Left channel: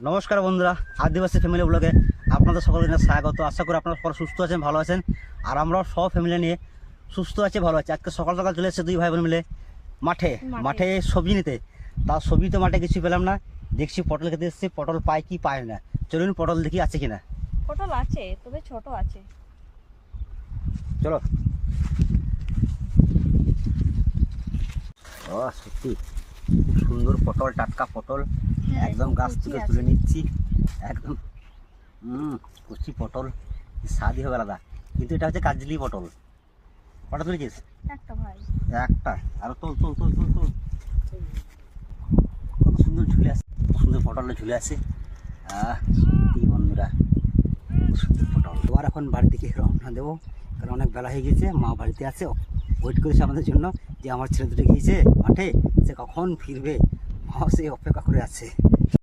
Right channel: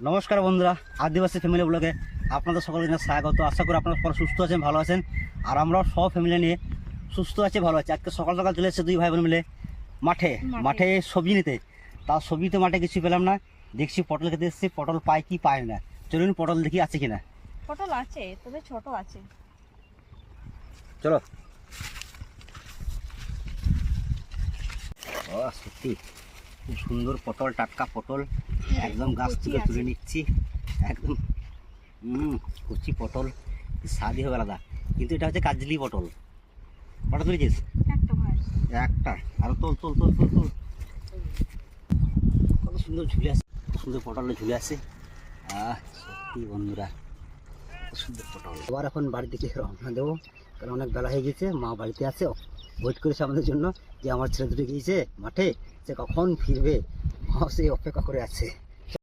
নমস্কার বন্ধুরা, আদিবাসী ফ্যামিলি ব্লগে আপনাদের সকলকে স্বাগত। আশা করি আপনারা সকলে সুস্থ আছেন, ভালো আছেন। আর আমরাও সব ফ্যামিলি নিয়ে সুস্থ আছি, ভালো আছি। আজকে সকাল সকাল চলে এসেছে দুই ভাই বোন মিলে মাঠে সবজি নিতে। তার সবজি তো মাঠে কিছু পেলাম না, দেখছি পটল খেতে এসেছি। পটল পাই কি পায় না, চলুন পটল দেখি আছে কিনা। পটল আছে, তবে ছোট আছে। চলো। ও সত্যি খুব সুন্দর পটল, টাটকা পটল, একদম গাছ থেকে তুলে নিচ্ছি। একদম কচি পটল, স্বাদই হবে আলাদা। কিন্তু এটা হচ্ছে কাজলি পটল। কটা তুলেছিস? একটা ভাই, একটা। আরো তোল তোল তোল তোল তোল। কত সুন্দর ঝুলে আছে, সুন্দর পটলটা ঝুলে আছে। সত্যি বন্ধুরা, সুন্দর পটল। আবার এখন বাড়ি থেকে রওনা দেবো, কারণ অনেক বেলা হয়ে গেছে। মা বাড়িতে আছে, ওয়েট করেছে আমাদের জন্য, যে আমার ছেলে দুটো গিয়েছে মাঠে, সে কখন ফিরবে। মা সেই অপেক্ষা করে আছে।